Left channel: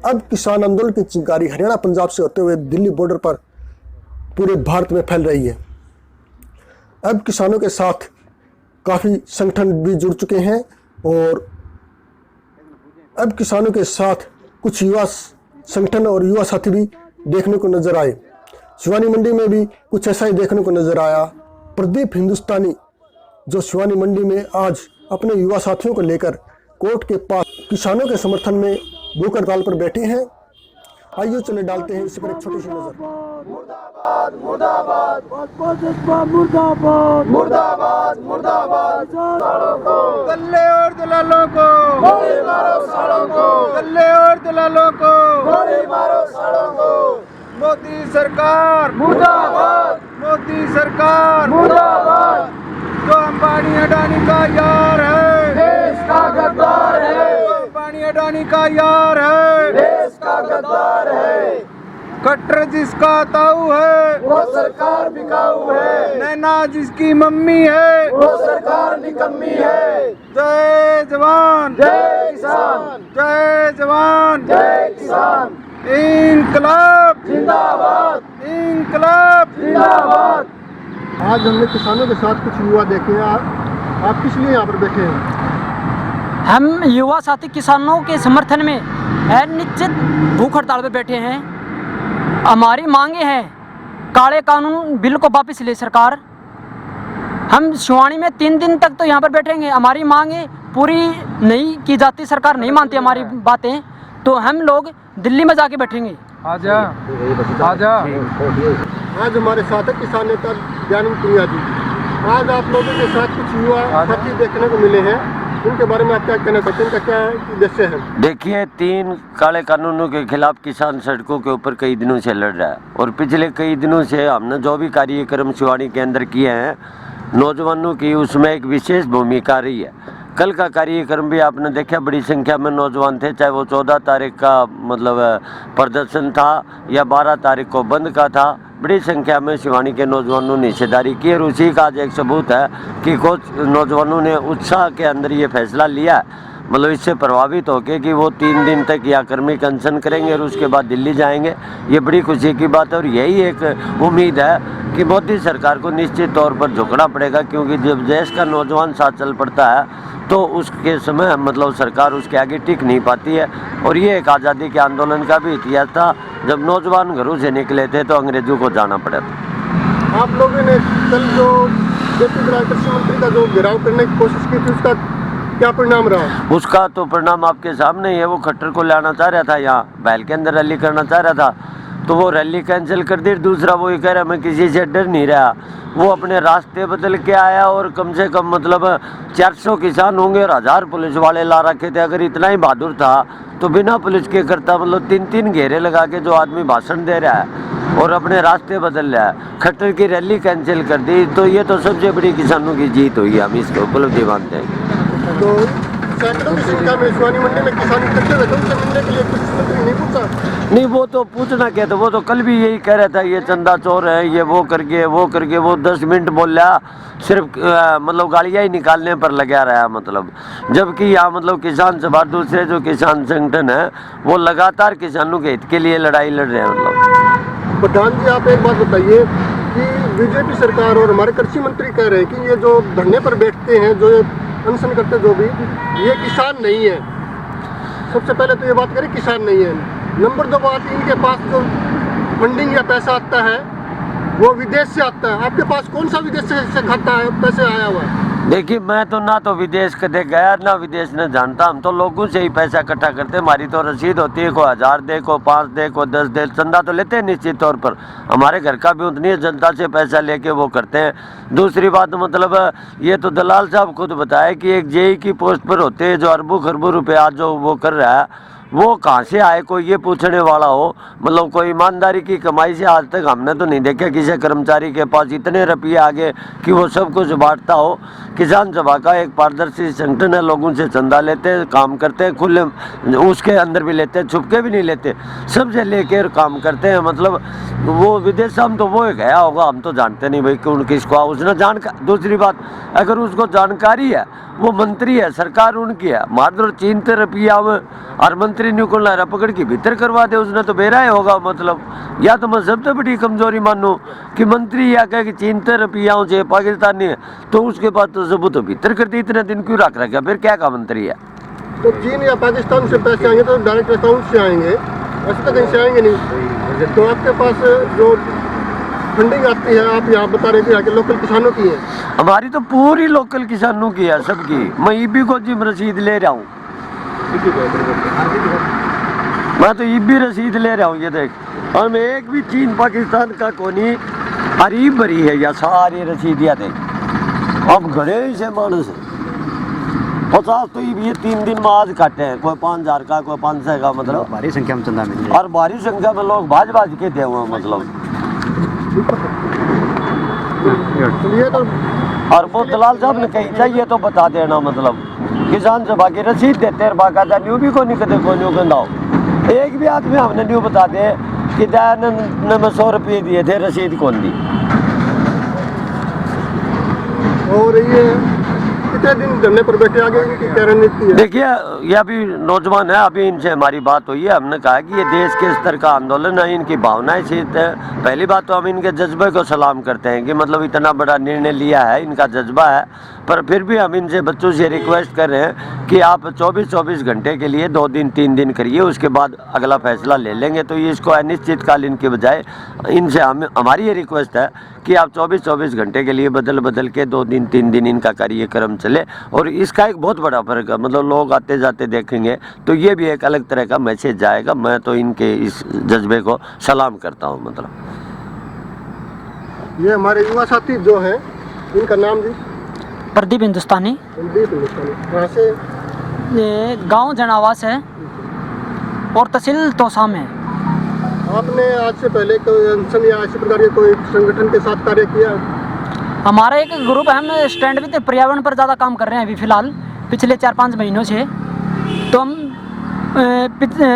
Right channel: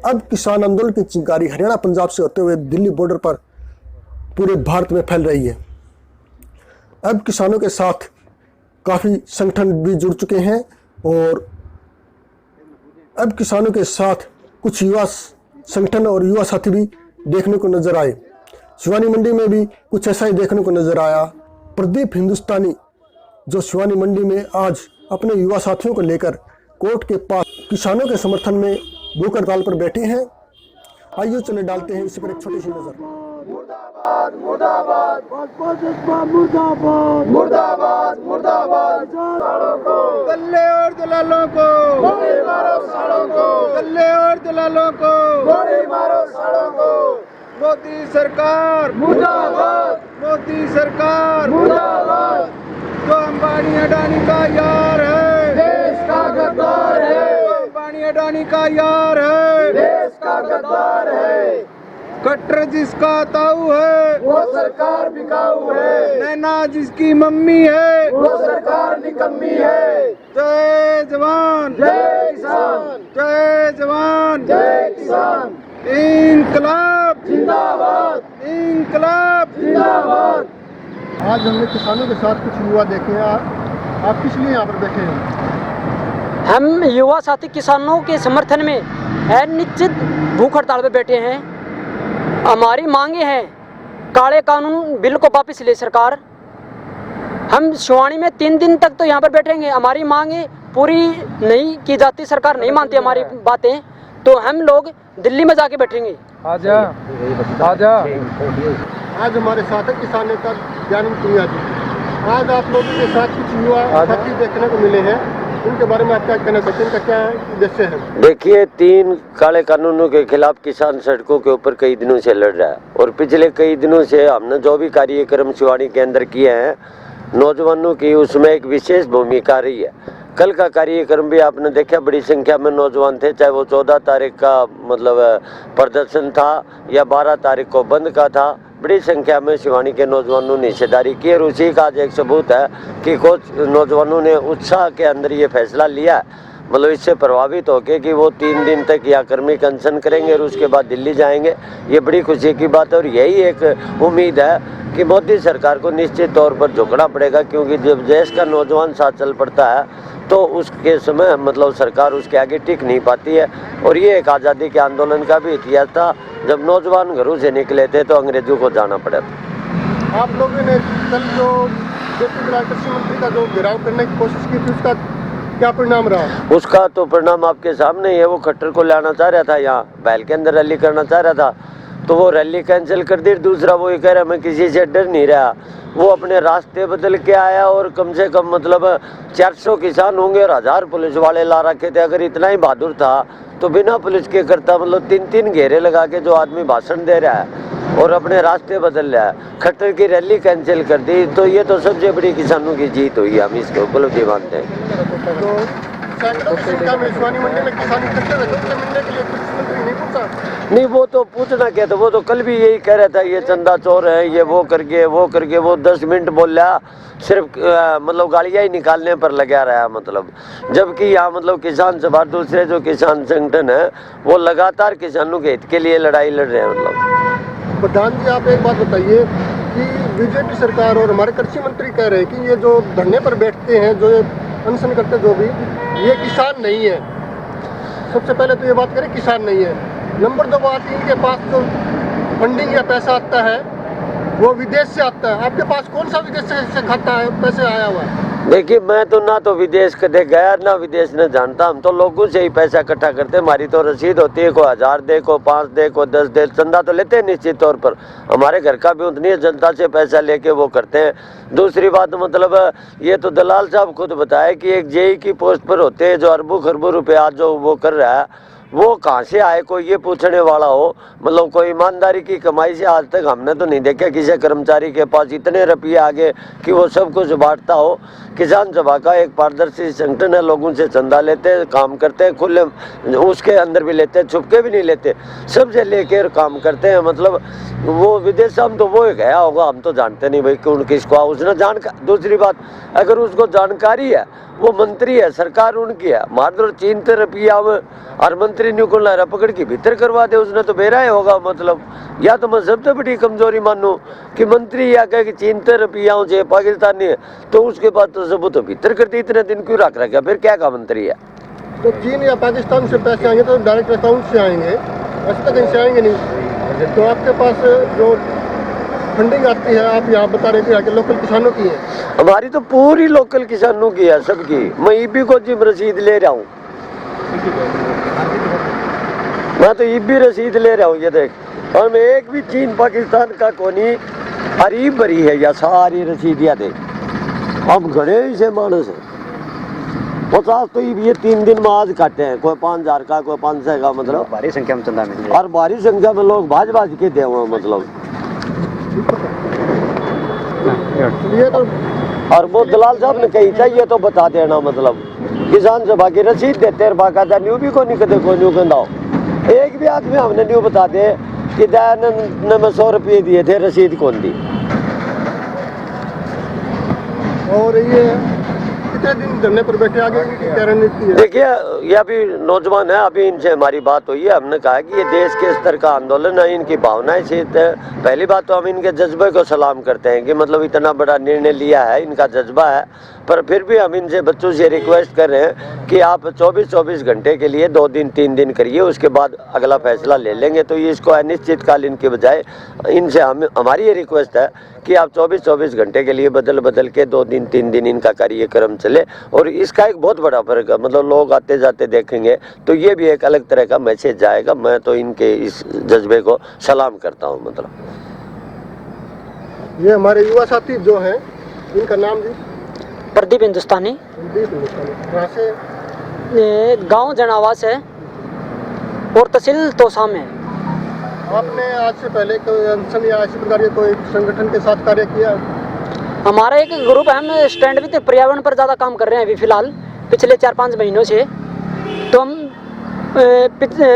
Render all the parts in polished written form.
अब किसान आंदोलन की चिंगारी हरियाणा पंजाब से होते हुए दिल्ली बॉर्डर पर पूरे भारत में फैल रही है। अब किसानों के साथ काफ़ी संगठन भी जुड़ चुके हैं और अब किसानों के साथ कुछ युवा संगठन और युवा साथी भी देखने को नजर आए। शिवानी मंडी में भी कुछ ऐसा ही देखने को नजर आया। प्रदीप हिंदुस्तानी जो शिवानी मंडी में आज अपने युवा साथियों को लेकर कोर्ट के पास किसानों के समर्थन में भूख हड़ताल पर बैठे हैं। आइए चले डालते हैं इसी पर एक छोटी सी नजर। मुर्दाबाद मुर्दाबाद मुर्दाबाद मुर्दाबाद मुर्दाबाद सालों को गल्ले और दलालों को गोली मारो, सालों को गल्ले और दलालों को गोली मारो, सालों को। मोदी सरकार मुर्दाबाद, मोदी सरकार मुर्दाबाद। जो अंबानी अडानी का यार है, देश का गद्दार है। जो अंबानी अडानी का यार है, देश का गद्दार है। कट्टर जिसका ताऊ है, वो सरकार बिकाऊ है। नैना जिसकी मम्मी है, वो सरकार निकम्मी है। जय जवान जय किसान, जय जवान जय किसान। इंकलाब जिंदाबाद, इंकलाब जिंदाबाद। आज हमने किसानों के साथ कुछ युवा देखे हैं। आप किस लिए यहाँ पर बैठे हैं? हम युवा साथी किसानों के समर्थन में निश्चित भूख हड़ताल पर बैठे हैं। हमारी मांगे हैं काले कानून बिल को वापस ले सरकार। हम शिवानी में 3 दिन तक तो यहाँ पर बैठेंगे। हमारी मांगे पूरी नहीं की जाती, सरकार नहीं मानती हमारी बातें, तो हम लोग दिल्ली में जाके बैठेंगे। आजा आजा। आज हमारे साथ है किसान नेता ज्ञानंद पुनिया जी। आज आप लोगों के साथ कुछ युवा साथी देखने को मिले हैं, इनके बारे में आप क्या कहना चाहते हैं? इनका क्या उद्देश्य है? देखिए, 3 काले कानूनों के खिलाफ किसान सड़कों के ऊपर कई दिनों से लड़ रहा है और पिछले कई दिनों से हमने जो भी कार्यक्रम शिवानी के अंदर किए हैं नौजवानों की, उसमें एक विशेष भूमिका रही है। कल का कार्यक्रम भी आपने देखा, बड़ी संख्या में नौजवान थे, चाहे वो 14 तारीख का मतलब प्रदर्शन था या 12 तारीख को बंद का था। बड़ी संख्या में शिवानी के नौजवानों ने हिस्सेदारी की और उसी का आज एक सबूत है कि कुछ नौजवानों ने उत्साह के अंदर ये फैसला लिया है, मतलब इससे प्रभावित होकर कि वो 3 दिन तक या कर्मिक अनशन करेंगे और उसके बाद दिल्ली जाएंगे। ये बड़ी खुशी की बात है और यही एक उम्मीद है कि मोदी सरकार को निश्चित तौर पर झुकना पड़ेगा, क्योंकि जब देश का नौजवान साथ चल पड़ता है तो उसके समय मतलब सरकार उसके आगे टिक नहीं पाती है। और ये एक आज़ादी के आंदोलन का भी इतिहास था, जब नौजवान घरों से निकले थे तो अंग्रेजों को जाना पड़ा था। आप लोगों ने कल जो कृषि मंत्री का जो घेराव करने की कोशिश की थी, उसका क्या परिणाम रहा? उसका तो परिणाम आपके सामने ही है। वो खट्टर को लाना चाह रहा था, यहाँ बैल के अंदर रैली करना चाह रहा था, तो वो रैली कैंसिल कर दी। दूसरा वो ये कह रहा मैं किसी से डर नहीं रहा, वो अपने रास्ते बदल के आया और कम से कम मतलब 400 किसान होंगे और 1000 पुलिस वाले ला रखे थे। अगर इतना ही बहादुर था तो बिना पुलिस के करता, मतलब 3-3 घेरे लगा के जो आदमी भाषण दे रहा है और अपने रास्ते बदल रहा है, खट्टर की रैली कैंसिल कर दी, तो ये तो सबसे बड़ी किसानों की जीत हुई। हम इसको उपलब्धि मानते हैं। तो सैकड़ों की संख्या में शिवानी मंडी में किसान इकट्ठे हुए थे, उनसे मिलने के लिए कुछ मंत्री नहीं पूछा? नहीं, वो तो पूछना क्या था, वो तो कल भी यही कह रहा था ये चंदा चोर है, ये वो करके वो करके। वो 10 मिनट बोल रहा, सिर्फ मतलब गालियाँ ही निकालने पर लगा रहा, मतलब जबकि यहाँ मतलब किसान सभा दूसरे जो किसान संगठन है वो लगातार किसानों के हित के लिए लड़ाई लड़ रहे हैं। मतलब प्रधान जी, आप एक बात बताइए कि बीजेपी सरकार और हमारे कृषि मंत्री कह रहे हैं कि ये जो धरने पर बैठते हैं, जो ये अनशन करते जो भी, ये किसान नहीं है। सबसे पहले तो ये बात करें, किसान नहीं है। नंबर 2 बात, इनके पास जो फंडिंग या पैसा आता है वो विदेश से आता है। आपके पास कौन सा विदेश से खाता है पैसे आया हुआ? देखिए, मैं तो ना तो विदेश कदे गया ना विदेश न जानता। हम तो लोगों से ही पैसा इकट्ठा करते। हमारी तो रसीद होती है, को 1000 दे, को 5 दे, को 10 दे, चंदा तो लेते हैं निश्चित तौर पर। हमारे घर का भी उतनी है, जनता से पैसा लेके वो करते हैं। दूसरी बात मतलब ये तो दलाल साहब खुद बताए कि एक जेई की पोस्ट पर होते हैं जो अरबों खरबों रुपया जो वो कर रहा है, वो कहाँ से आए कोई ये पूछने वाला हो। मतलब कोई ईमानदारी की कमाई से आज तक हमने तो नहीं देखा किसी कर्मचारी के पास इतने रुपये आगे कि वो सब कुछ बांटता हो। किसान सभा का एक पारदर्शी संगठन है, लोगों से चंदा लेते हैं, काम करते हैं, खुले उसके अंदर भी लेते हैं, छुपके भी नहीं लेते, सबसे लेकर काम करते हैं। मतलब वो विदेश हम तो वो गया होगा, हम तो जानते नहीं भाई कौन किसको उसने जानकारी। दूसरी बात, अगर उसको जानकारी है, वो मंत्री है, सरकार उनकी है, मात्र चीन पे रुपया और मंत्री ने को लारा पकड़ के भीतर करवा दे, उसने तो बेरा होगा। मतलब या तो मैं सबसे बड़ी कमजोरी मानूं कि मंत्री या कहे कि चीन ते रुपयाओं से पाकिस्तानी है, तो उसके बाद तो सबूत तो भीतर कर दी, इतने दिन क्यों रख रखा, फिर क्या का मंत्री है। तो चीन या पाकिस्तान से पैसे आएंगे तो डायरेक्ट अकाउंट से आएंगे, ऐसे तो कहीं से आएंगे नहीं। तो आपके पास जो फंडिंग आती है, आप यहाँ बता रहे थे कि लोकल किसानों की है। हमारी तो पूरी लोकल किसानों की है, सबकी। मैं ईबी को जिम रसीद ले रहा हूँ, मैं तो ईबी रसीद ले रहा हूँ। ये देख, हम एक भी चीन पाकिस्तान का कोनी हरी भरी है या सारी रसीदियाँ देख। अब घने ही से मानस है 50 तो ये 3 दिन में आज काटे हैं, कोई 5000 का, कोई 500 का, मतलब भारी संख्या में चंदा मिल और भारी संख्या में लोग भाज भाज के दे हुए, मतलब। ये तो और वो दलाल साहब ने कही चाहिए तो बता देना, मतलब किसान सभा की रसीद देते हैं बाकायदा, न्यू भी को नहीं कदे कोई न्यू कहना, एक भी आदमी हमने न्यू बता दे कि दयानंद ने 100 रुपये दिए थे, रसीद कौन दी। और ये कितने दिन धरने पर बैठे, आगे इनकी क्या रणनीति है? देखिए, ये अभी नौजवान है, अभी इनसे हमारी बात हुई है, हमने कहा कि ये देश के स्तर का आंदोलन है, इनकी भावनाएं सीत है। पहली बात तो हम इनके जज्बे को सलाम करते हैं कि मतलब इतना बड़ा निर्णय लिया है, इनका जज्बा है। पर फिर भी हम इनसे बच्चों से रिक्वेस्ट कर रहे हैं कि आप 24-24 घंटे के लिए 2 दिन 3 दिन करिए, उसके बाद अगला फैसला ले लेंगे। तो ये इसको अनिश्चितकालीन के बजाय इनसे हमारी ये रिक्वेस्ट है कि आप 24-24 घंटे के लिए बदल के 2 दिन 3 दिन इनका कार्यक्रम चले। और इसका एक बहुत बड़ा फर्क है, मतलब लोग आते जाते देखेंगे तो ये भी एक अलग तरह का मैसेज जाएगा। मैं तो इनके इस जज्बे को सलाम करता हूँ। मतलब ये हमारे युवा साथी जो हैं, इनका नाम भी प्रदीप हिंदुस्तानी, कहाँ से? गांव जनावास है और तहसील तोसा में। आपने आज से पहले कोई अनशन या इसी प्रकार के कोई संगठन के साथ कार्य किया? हमारा एक ग्रुप है, हम स्टैंड विद पर्यावरण पर ज़्यादा काम कर रहे हैं अभी फिलहाल पिछले 4-5 महीनों से। तो हम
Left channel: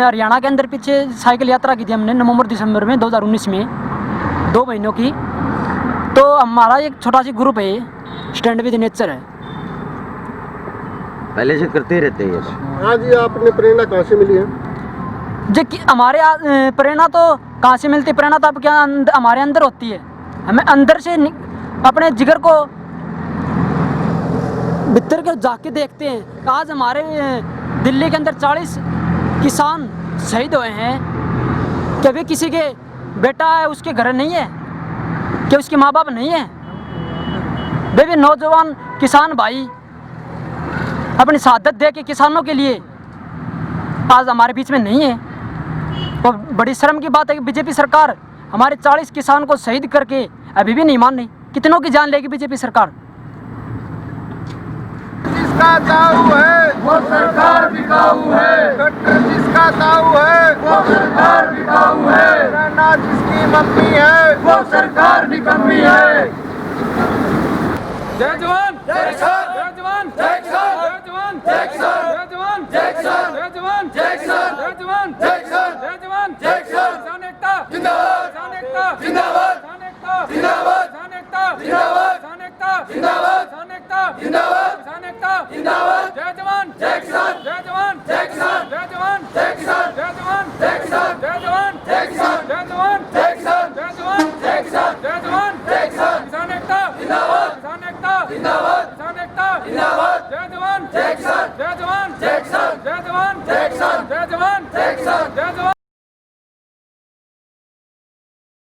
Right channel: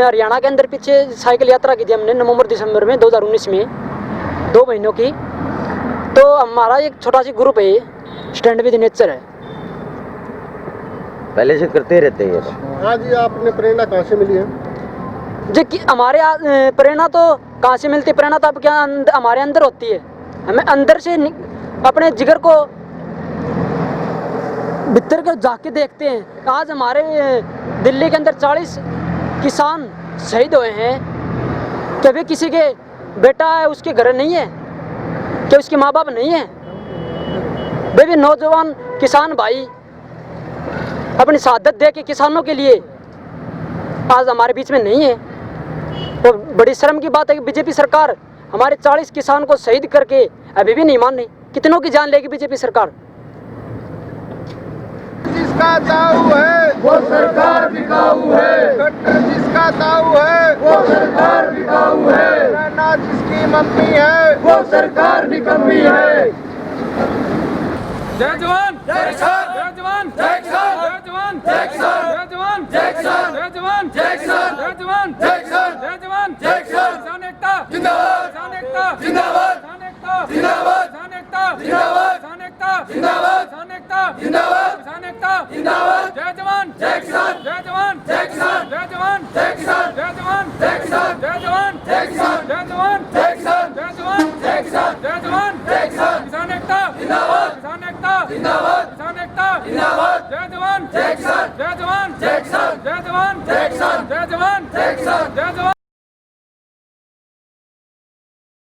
हरियाणा के अंदर पीछे साइकिल यात्रा की थी हमने नवंबर-दिसंबर में 2019 में 2 महीनों की। तो हमारा एक छोटा सी ग्रुप है, स्टैंड विद नेचर है, पहले से करते रहते हैं। आज ये आपने प्रेरणा कहाँ से मिली है? जो कि हमारे प्रेरणा तो कहाँ से मिलती है, प्रेरणा तो अब क्या हमारे अंदर होती है। हमें अंदर से अपने जिगर को भीतर कर जाके देखते हैं। आज हमारे दिल्ली के अंदर 40 किसान शहीद हुए हैं, कभी किसी के बेटा है उसके घर नहीं है, क्या उसके माँ बाप नहीं है? वे भी नौजवान किसान भाई अपनी शहादत दे के किसानों के लिए आज हमारे बीच में नहीं है। तो बड़ी शर्म की बात है कि बीजेपी सरकार हमारे 40 किसान को शहीद करके अभी भी नहीं मान रही। कितनों की जान लेगी बीजेपी सरकार? जिसका दाऊ है वो सरकार बिकाऊ है, कट्टर जिसका दाऊ है वो सरकार बिकाऊ है, नाना जिसकी मम्मी है वो सरकार निकम्मी है। जय जवान जय किसान, जय जवान जय किसान, जय जवान जय किसान, जय जवान जय किसान, जय जवान जय किसान, जय जवान जय किसान, जय जवान जय किसान। किसान एकता जिंदाबाद, किसान एकता जिंदाबाद, किसान एकता जिंदाबाद, किसान एकता जिंदाबाद, किसान एकता जिंदाबाद, किसान एकता जिंदाबाद, किसान एकता जिंदाबाद। जय जवान जय किसान, जय जवान जय किसान, जय जवान जय किसान, जय जवान जय किसान, जय जवान जय किसान, जय जवान जय किसान, जय जवान जय किसान, जय जवान जय किसान। किसान एकता जिंदाबाद, किसान एकता जिंदाबाद, किसान एकता जिंदाबाद, जय जवान जय किसान, जय जवान जय किसान, जय जवान जय किसान, जय जवान जय किसान, जय